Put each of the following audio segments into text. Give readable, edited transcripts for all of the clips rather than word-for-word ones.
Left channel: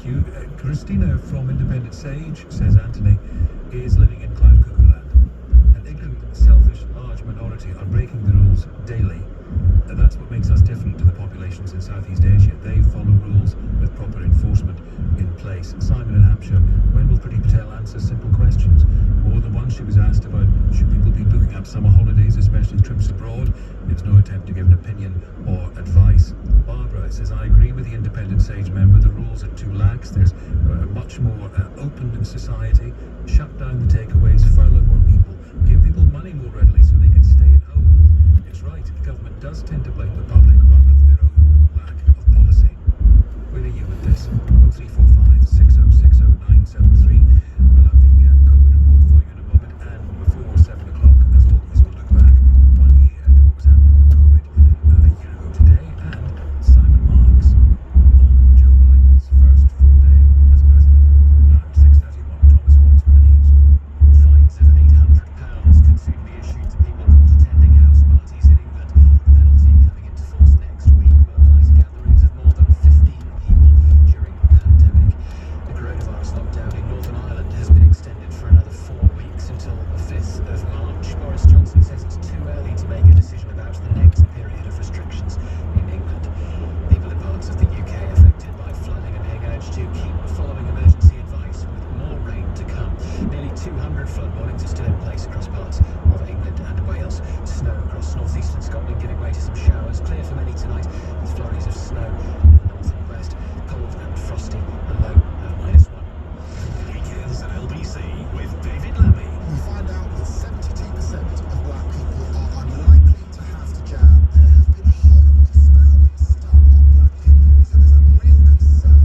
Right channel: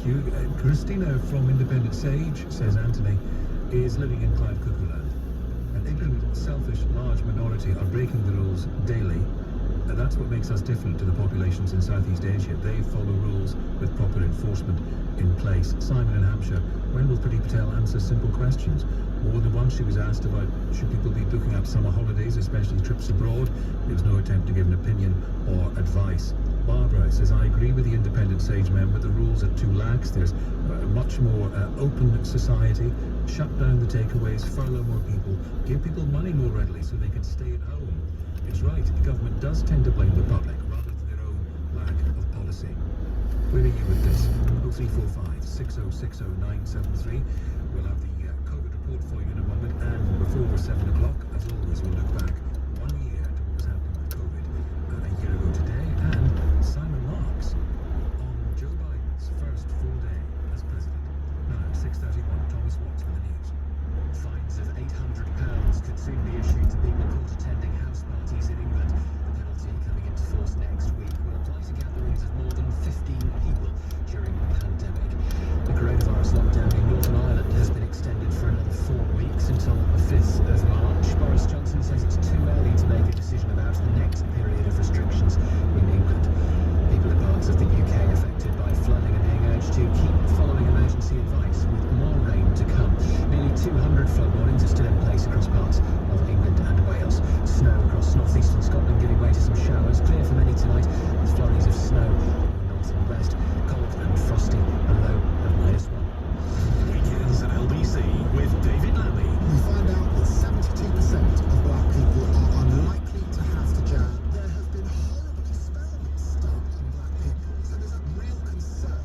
thank you. Christina from Independent Sage, says Anthony, is living in Cloud Cuckoo Land. An ignorant, selfish, large minority are breaking the rules daily. And that's what makes us different to the populations in Southeast Asia. They follow rules with proper enforcement in place. Simon in Hampshire, when will Priti Patel answer simple questions? Or the one she was asked about, should people be booking up summer holidays, especially trips abroad? There was no attempt to give an opinion or advice. Barbara says, I agree with the Independent Sage member, the rules are too lax. There's a much more open society. Shut down the takeaways, furlough more people, give people money more readily so they can stay at home. It's right, government does tend to blame the public rather than their own lack of policy. Where are you with this? 0345 6060 973. We'll have the COVID report for you in a moment, and before 7 o'clock, as always, we'll look back 1 year to what was happening with COVID a year ago today, and Simon Marks on Joe Biden's first full day as president. Now, 6:31, Thomas Watts with the news. Fines of £800 could soon be issued to people caught attending house parties in England. The penalty coming into force next week will apply to gatherings of more than 15 people during the pandemic. The coronavirus lockdown in Northern Ireland has been extended for another 4 weeks until the 5th of March. Boris Johnson says it's too early to make a decision about the next period of restrictions in England. People in parts of the UK affected by flooding are being urged to keep following emergency advice, with more rain to come. Nearly 200 flood warnings are still in place across parts of England and Wales. Snow across northeastern Scotland giving way to some showers. Clear for many tonight, with flurries of snow in the north and west. Cold and frosty, a low of -1. Weekends at LBC with David Lammy. We find out that 72% of black people are unlikely to have the jab. There have been horrible experiments done on black people, so there's a real concern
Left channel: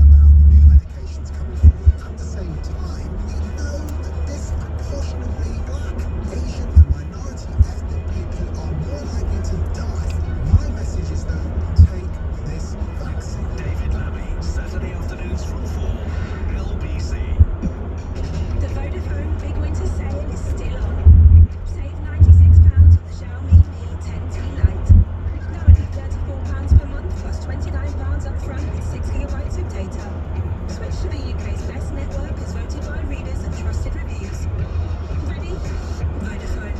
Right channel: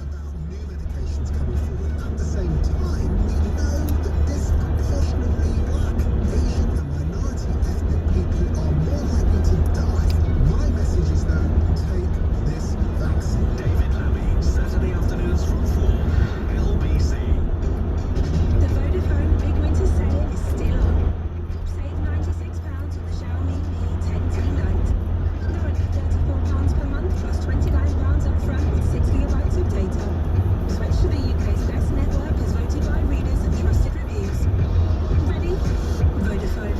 about new medications coming forward. At the same time, we know that disproportionately black, Asian and minority ethnic people are more likely to die. My message is that take this vaccine. David Lammy, Saturday afternoons from 4. LBC. The Vodafone Big Winter Sale is still on. Save £96 on the Xiaomi Mi 10T Lite. Now only £34 per month plus £29 up front with 6 gigabytes of data. Switch to the UK's best network as voted by readers and trusted reviews. Ready? Vodafone.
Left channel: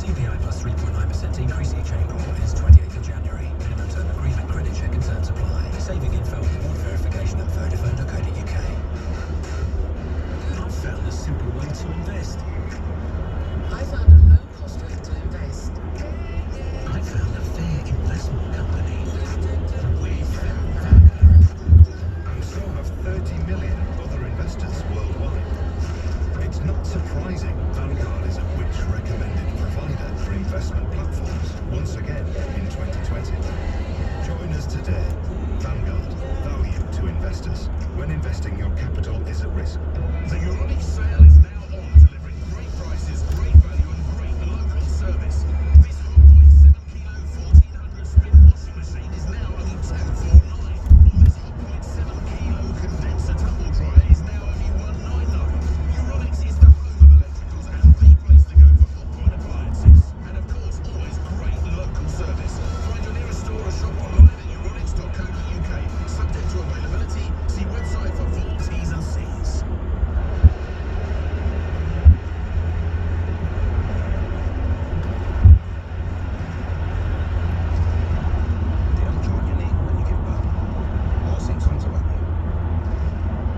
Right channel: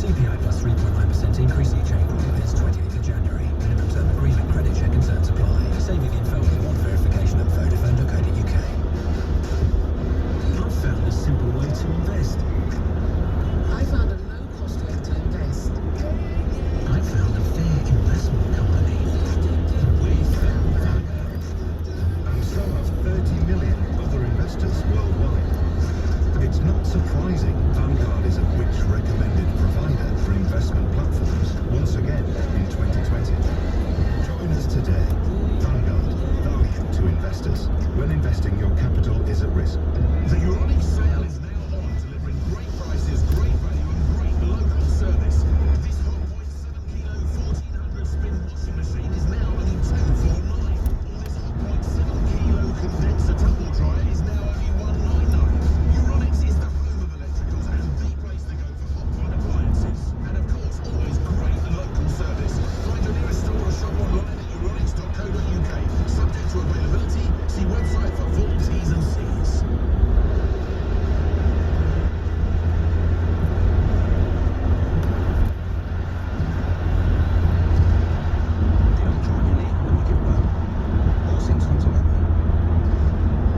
CPI plus 3.9% increase each April. Ends 28th of January. Minimum term agreement, credit check and terms apply. Saving info and reward verification at vodafone.co.uk. I've found a simple way to invest. I found a low-cost way to invest. I found a fair investment company. We found Vanguard. And so have 30 million other investors worldwide. It's not surprising Vanguard is a Which recommended provider for investment platforms once again in 2020. Join us today. Vanguard, value to investors. When investing, your capital is at risk. The Euronic sale is now on, delivering great prices, great value and great local service. This 1.7 kilo 1400 spin washing machine is now only 249. Or this 1.7 kilo condenser tumble dryer is now only 199. Euronics is the home of electricals and the place to go for hot point appliances. And of course, always great local service. Find your nearest store or shop online at euronics.co.uk. Subject to availability, see website for full T's and C's. Did I join your name when you give birth? Or sing songs about me?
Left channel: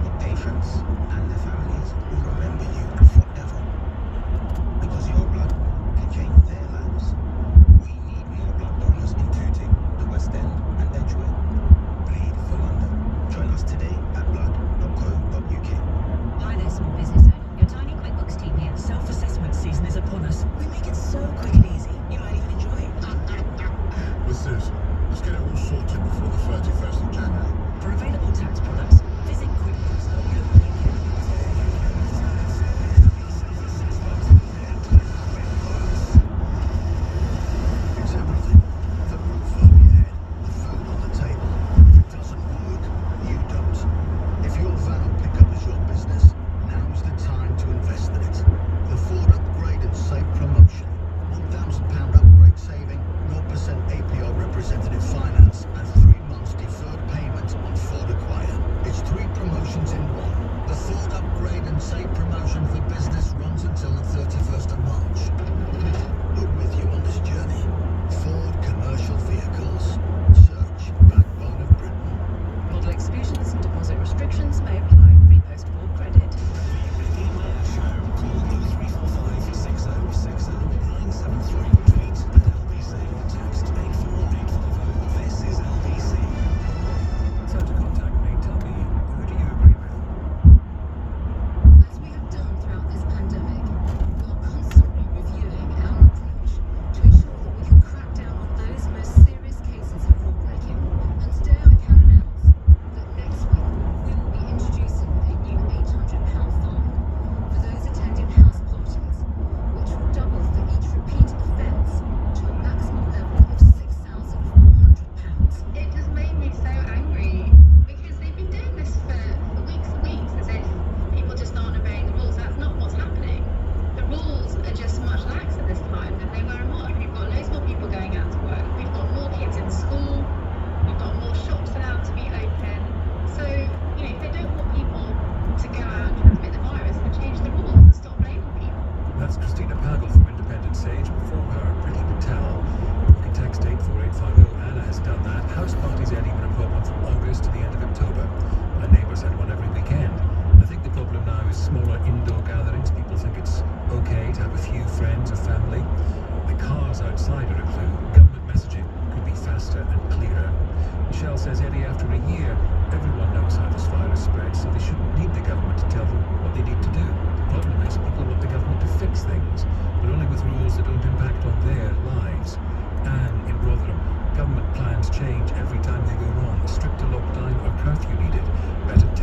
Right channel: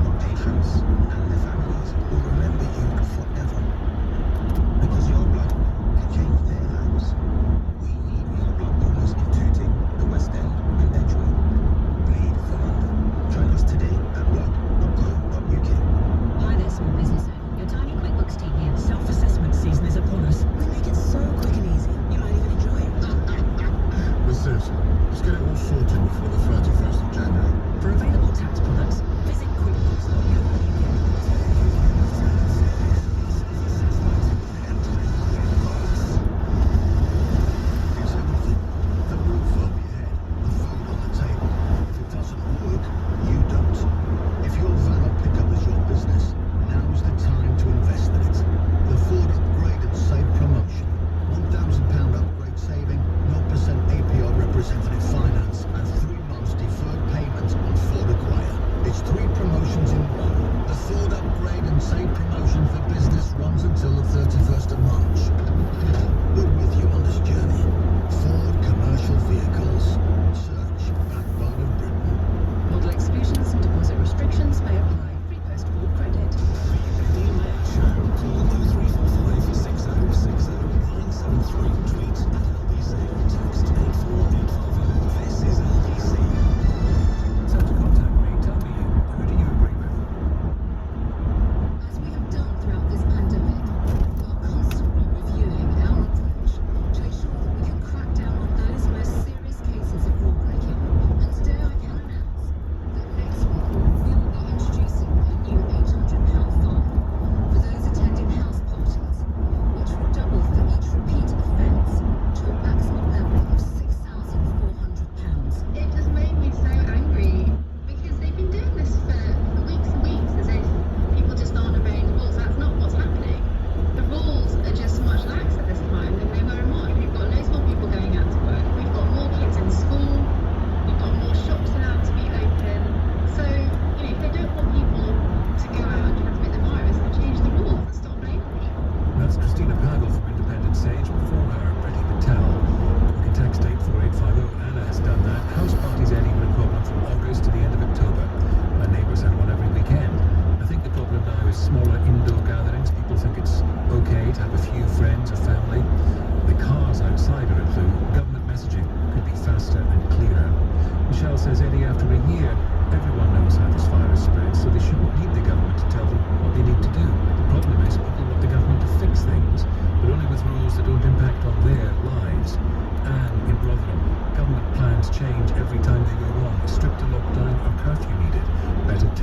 The patients and their families will remember you forever. Because your blood can change their lives. We need more blood donors in Tooting, the West End and Edgware. Bleed for London. Join us today at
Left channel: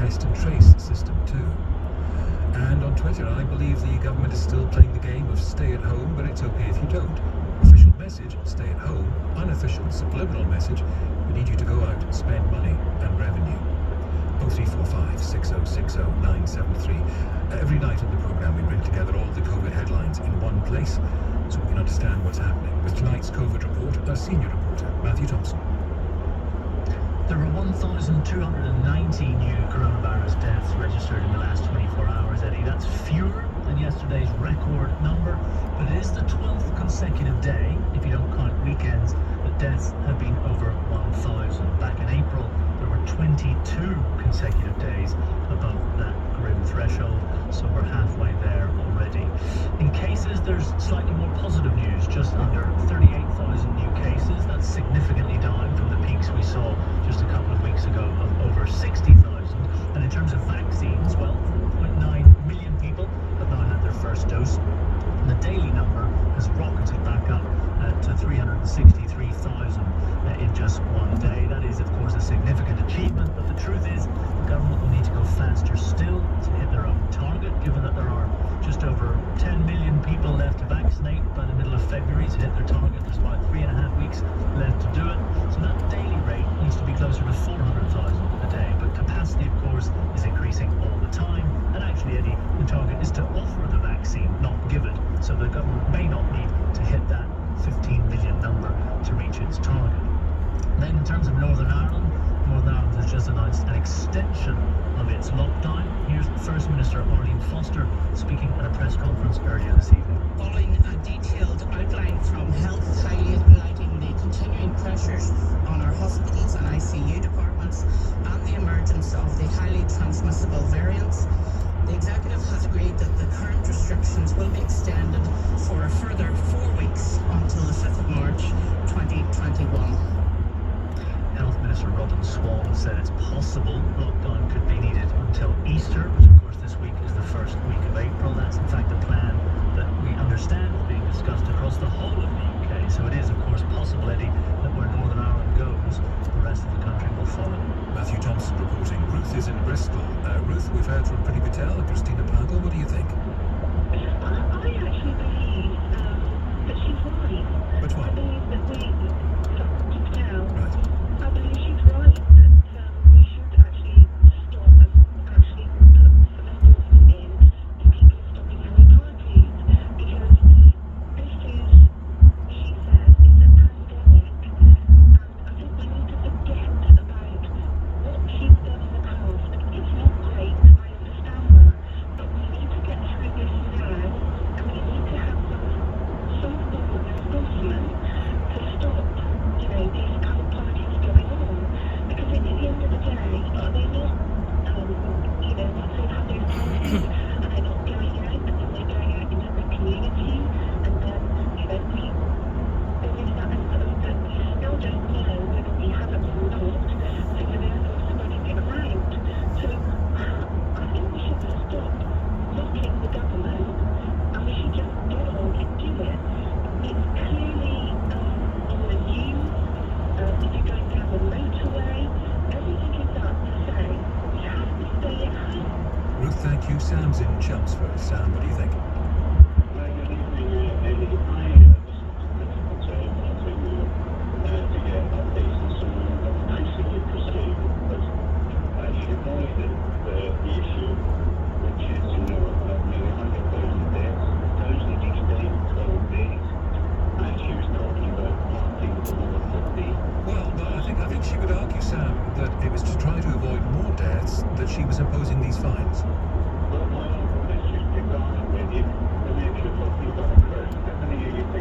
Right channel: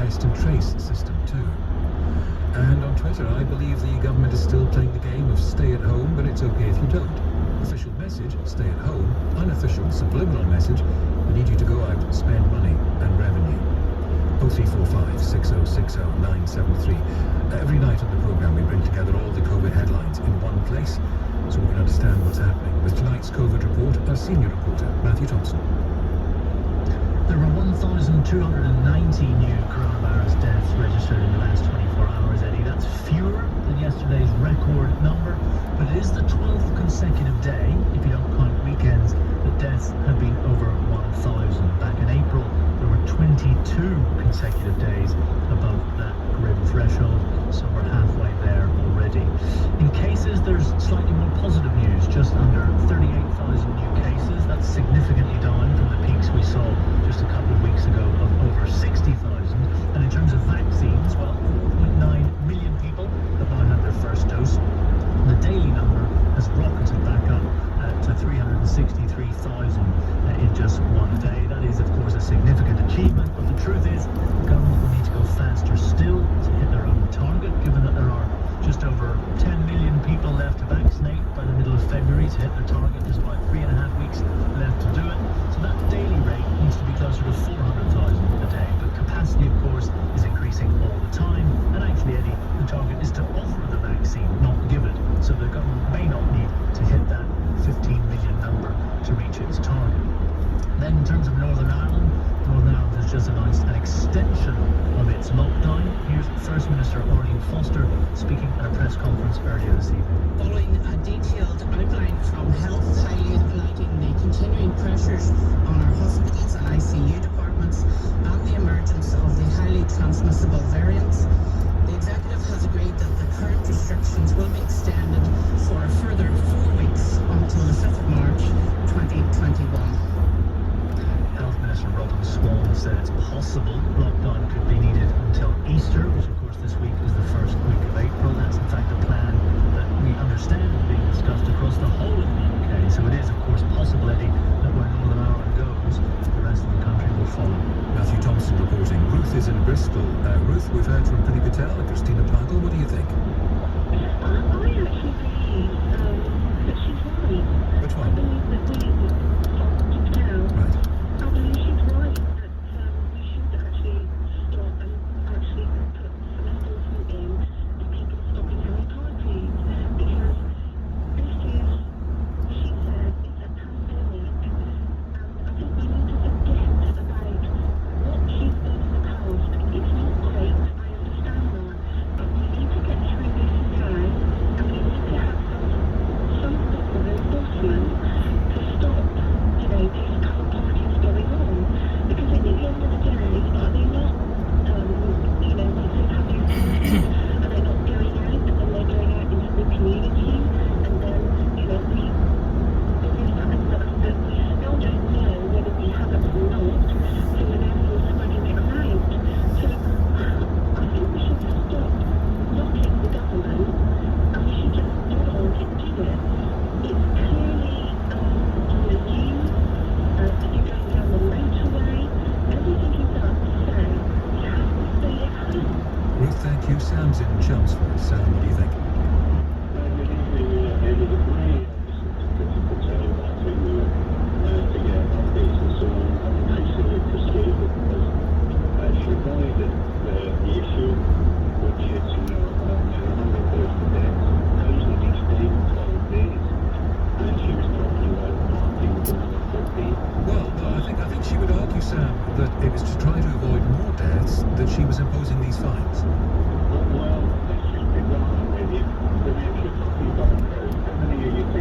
test and trace system too. And on Twitter, I believe the government is still playing the game of stay at home, but it's okay if you don't. Official message, stay at home. Unofficial, subliminal message, we need you to go out, spend money and revenue. 0345 6060 973. Every night on the programme we bring together all the COVID headlines in one place so we can understand what's happening. With tonight's COVID report, our senior reporter, Matthew Thompson. There were 1,290 new coronavirus deaths registered in the last 24 hours, Eddie. That's fewer than yesterday's record number, but it is the 12th consecutive day, if you don't count weekends, that deaths have been over 1,000. Back in April, there were 22 consecutive days above that grim threshold, so we're halfway there already. In cases, there's slightly more positive news, just under 38,000 new cases. That's significantly down from the peaks we saw just a couple of weeks ago of over 60,000. And in terms of vaccines, well, 4.9 million people have now had their first dose. And the daily number has rocketed back up to 363,000 in just one day. That is, of course, a significant achievement, but the truth is the government will need to go faster still to hit their own target, given that there are just over 10 million people left to vaccinate by the middle of February to hit their target. There's about 3.5 weeks left to do it. So that daily rate needs to be closer to 400,000 a day. But capacity, of course, is increasing all the time. And actually, Eddie, the target is to offer the vaccine, not give it. So the government may not need to hit that 15 million number to reach its target. Then in terms of Northern Ireland has just announced an extension of its lockdown. Here's First Minister Arlene Foster speaking at a press conference earlier this evening. Following a detailed outline from Health, highlighting the continuing pressures on our hospitals and ICU departments and the emergence of the highly transmissible variants, the Executive has agreed that the current restrictions will be extended for a further 4 weeks until the 5th of March 2021. Health Minister Robin Swan said it's possible lockdown could be needed until Easter, which of course this week is the first week of April. That's in fact a plan that we understand is being discussed across the whole of the UK. So it is of course possible, Eddie, that where Northern Ireland goes, the rest of the country will follow. Matthew Thompson reporting. Ruth is in Bristol. Ruth, we've heard from Priti Patel and Christina Plantle. What do you think? I actually believe that she's right. Which one? I believe that Priti Patel. Right. I believe she's right that we should actually stop and actually put some enforcement in to people stopping having parties, because this is, she said, it's a pandemic, and I think we need to forget about what she's done in the past. It's not great, I understand that, but we need to get through this now, and we need to have some form of enforcement to stop, these kind of parties going on. Because at the end of the day, are they not, if they have these parties and they're not going out, and then they're going out into the community, and then, there is that element that we still don't know whether we have it or not, so we're therefore spreading it around. So I think we should stop knocking the government, and we should just get on and do it. It's clearly on the news, if you're going down the motorway, everything is up to say we have to stay at home. Ruth, thank you. Sam's in Chelmsford. Sam, what do you think? Good evening, Eddie. I listened to Patel to get updates and so on. I'm increasingly frustrated because she acknowledged the issue, which is, nearly 100,000 deaths, thousands each day, 12 days, and she was talking about parting for another 50. Well, no, I think she would argue, Sam, that it was to try to avoid more deaths that she was imposing these fines. Well, let's just pick that up with you. I mean, if you're talking about a crowd, how many are you thinking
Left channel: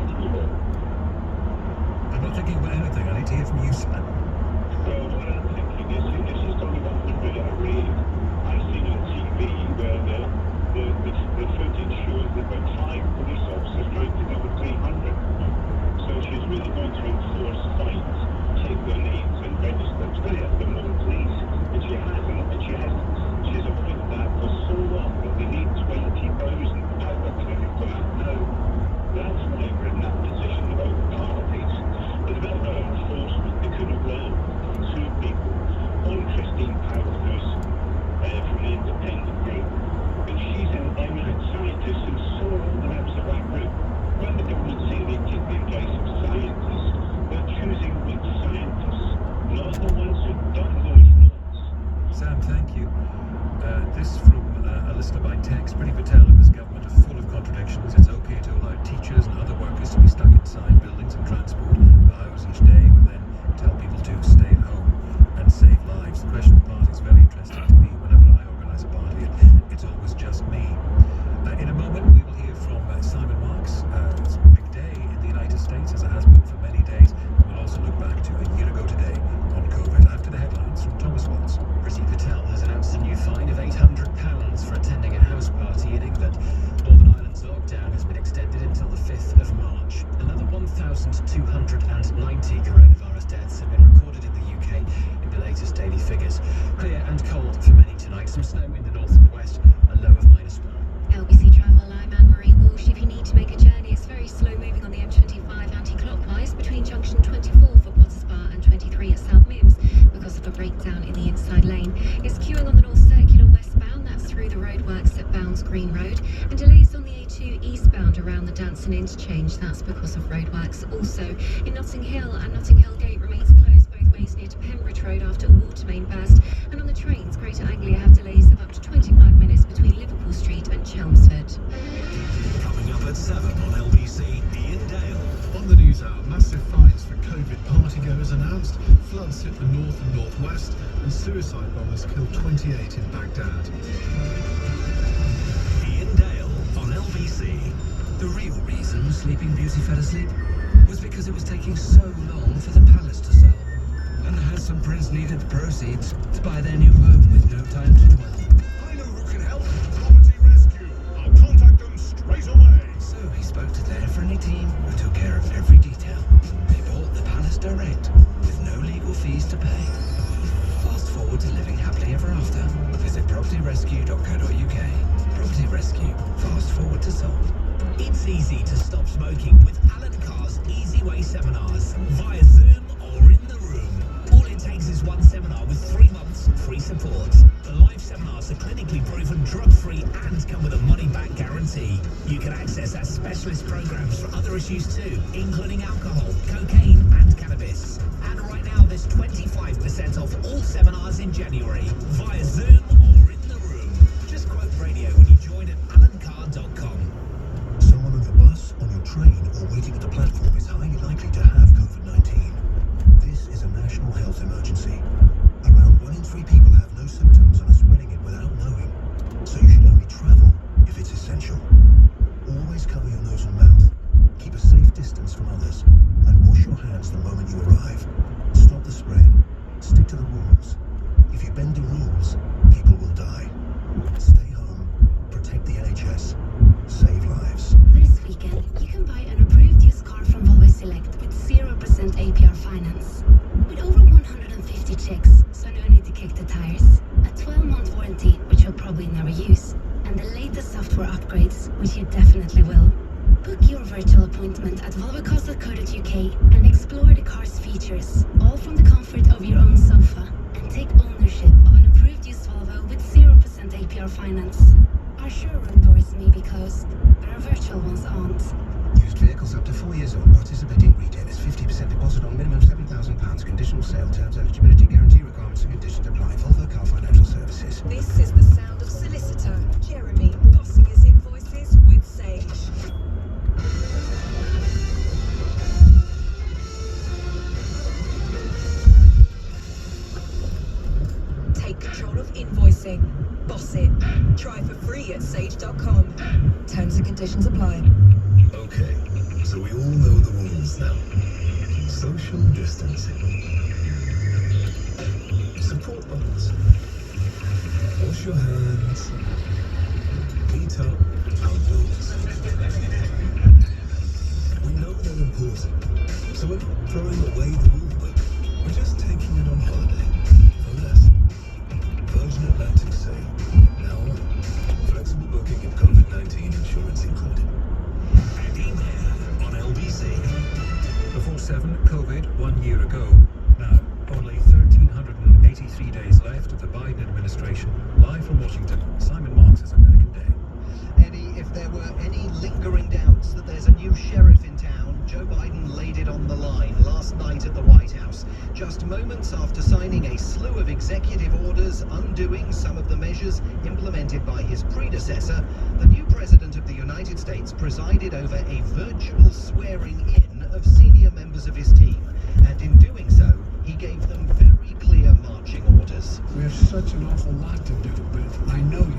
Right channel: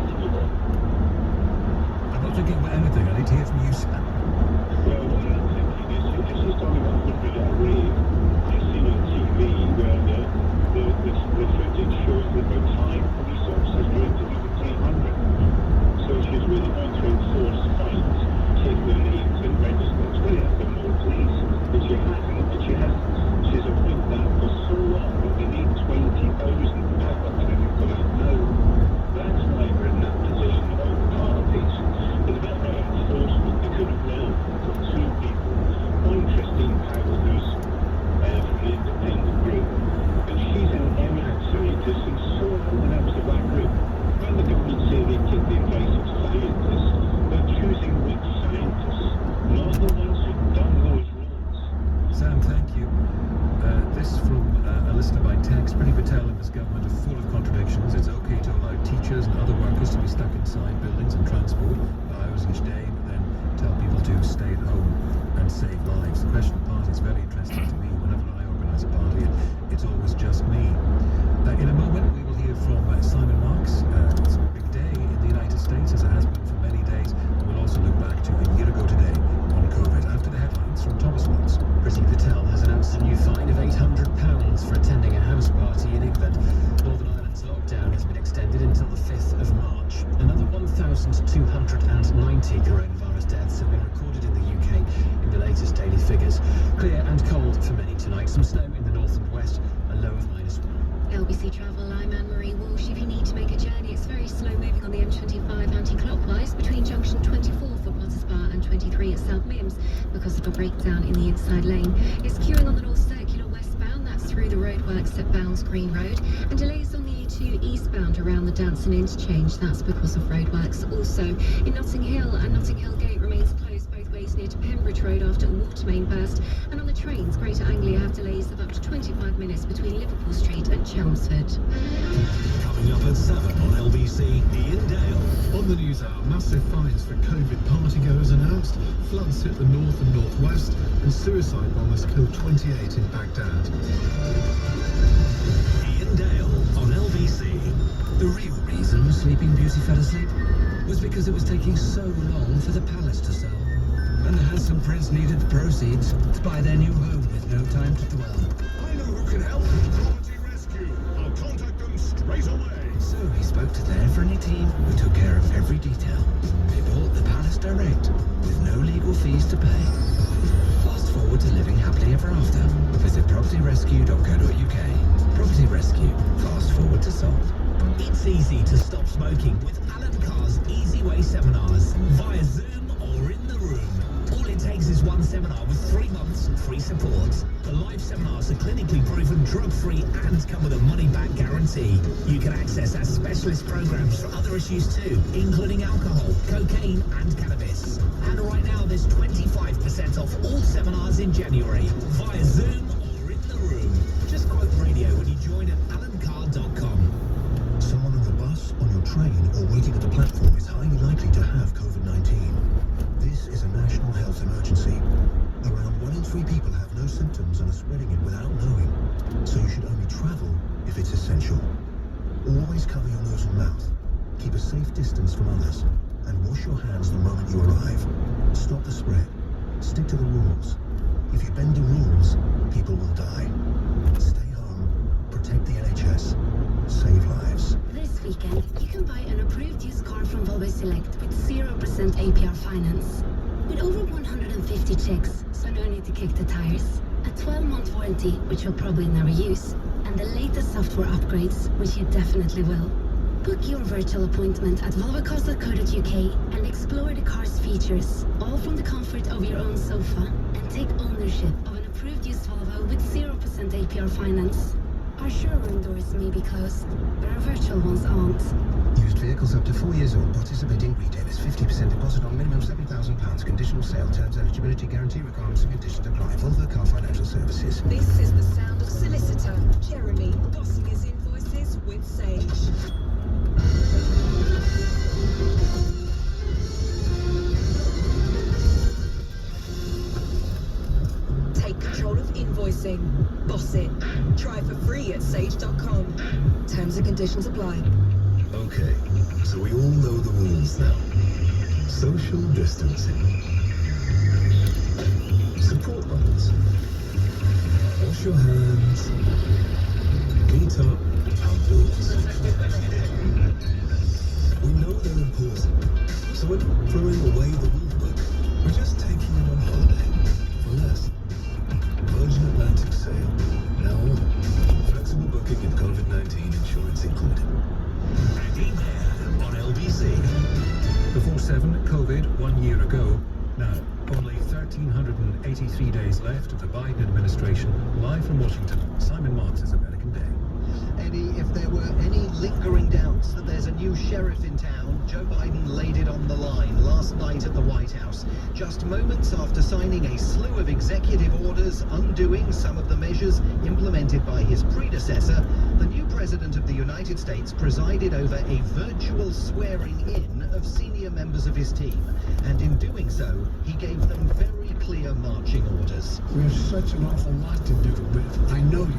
Minister by text, Priti Patel and his government are full of contradictions. It's okay to allow teachers and other workers to be stuck inside buildings and transport for hours each day, but then tell people to stay at home and save lives. The question of party is very interesting to me. Whenever I organise a party, it's always just me. In a moment, we will hear from Simon Marks. It's a big day in the United States, as it has been for many days. And we'll also look back to a year ago today on COVID. After the headlines from Thomas Watts. Priti Patel has announced a new fine of £800 for attending a house party in England. Northern Ireland's lockdown has been extended until the 5th of March. Another 1,290 coronavirus deaths have been recorded in the UK in the latest daily figures. Clear and cold for many tonight. Some snow in the north and west, a low of -1. LBC Travel, I'm Anne-Marie Walsh. If you need to make a journey, it's very slow moving on the M25 anti-clockwise between junction 24 for Potters Bar and 23 at South Mims because of a breakdown in the inside lane. It's queuing on the North Circular westbound, that's through the roadworks at Bounds Green Road, and delays on the A2 eastbound around the Danson interchange, that's because of roadworks. Also, in Notting Hill and Notting Hill Gate remains closed both ways near to Pembridge Road after a water main burst, and on the trains, Greater Anglia have delays of up to 25 minutes between Liverpool Street and Chelmsford. Coming up at 7 on LBC, Ian Dale. On the news hour, massive fines for COVID partygoers announced, floods hit the north and northwest, and suicide bombers killed 28 in Baghdad. Ian Dale on LBC. The real reason Sleeping Beauty fell asleep was because it was taking so long for the palace to sell. And the handsome prince needed the proceeds to buy their new home with no time to dwell. I know who can help. Property Rescue. I'll contact them straight away. So he spoke to their friendly team who took care of every detail. They bought the palace direct with no legal fees to pay. Fast forward to living happily ever after. Visit propertyrescue.co.uk. Property Rescue. Fast forward to sold. It's easy to stop smoking with Alan Carr's Easy Way seminars via Zoom or in the room. All it takes is one seminar with 3 months free support. The live seminars are clinically proven, drug-free and come with a money-back guarantee. You can access our specialist programs for other issues too, including alcohol, cocaine and cannabis. And right now there's 25% off all seminars in January via Zoom or in the room. Just quote radio when you join at alancarr.com. Someone on the bus, on your train, or waiting at the platform is highly likely to have COVID-19. This is a national health emergency. Around 1 in 3 people have no symptoms and are spreading it without knowing. So you should only travel if it's essential. Always cover your nose and mouth. Keep a safe distance from others. And wash your hands the moment you arrive. Stop the spread. Stick to the rules. If you bend the rules, people will die. Stay home. Protect the NHS. Save lives. This weekend, you can buy an approved used car from Volvo Select with 0% APR finance. With over 150 checks, so no need to kick the tires. A 12-month warranty, which you'll probably never use. And the latest software upgrades, which you definitely will. Book your virtual appointment at volvocars.co.uk and explore the car's features, all from the comfort of your own sofa. And take ownership of an approved used Volvo with 0% APR finance. Our showroom doors may be closed, but our virtual ones aren't. Used vehicles up to 4 years old. Participating retailers. 50% deposit on minimum £7,000. Conditional sale terms, eligibility, guarantee requirements and conditions apply. Volvo Car Financial Services. This is the sound of solicitor Jeremy bossing his invoices with Sage. Take control of invoicing. Boss it. Try for free at sage.com. Terms and conditions apply. Okay, so we all know the rules now. Social distancing. Support others. Wash your hands. Meet up outdoors. We know they're important, so we're not throwing away the rule book. We're just taking it on holiday for less. Virgin Atlantic sail. Now on. Flexible booking and COVID-19 insurance included. Hanging there on LBC. Before 7, COVID 1 year ago. Now, only 1,383 days left of the Biden administration. Live from Washington, Simon Marks' American Day. Eddie, if there were any lingering doubts that there's a new sheriff in town, down, Joe Biden laid it on the line last night at the White House, just moments after signing a slew of executive orders undoing some of the measures implemented by his predecessor. The new president of the United States presided over a virtual swearing-in of senior members of his team, and in doing so, he gave them very clear marching orders. We have such an awful lot to do, but I know you.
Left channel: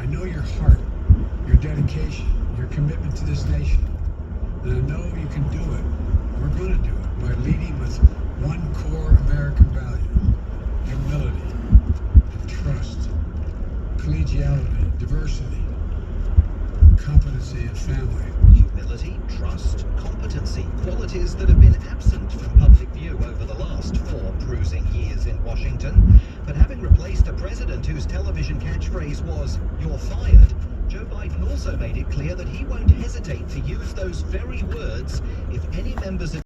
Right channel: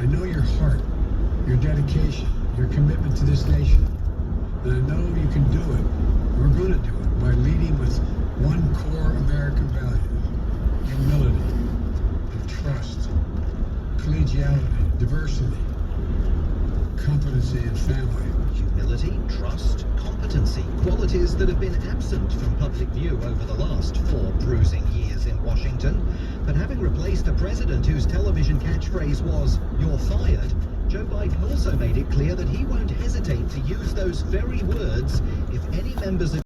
I know your heart, your dedication, your commitment to this nation. And I know you can do it. We're going to do it by leading with one core American value: humility, and trust, collegiality, diversity, competency, and family. Humility, trust, competency, qualities that have been absent from public view over the last 4 bruising years in Washington. But having replaced a president whose television catchphrase was, "You're fired," Joe Biden also made it clear that he won't hesitate to use those very words if any members of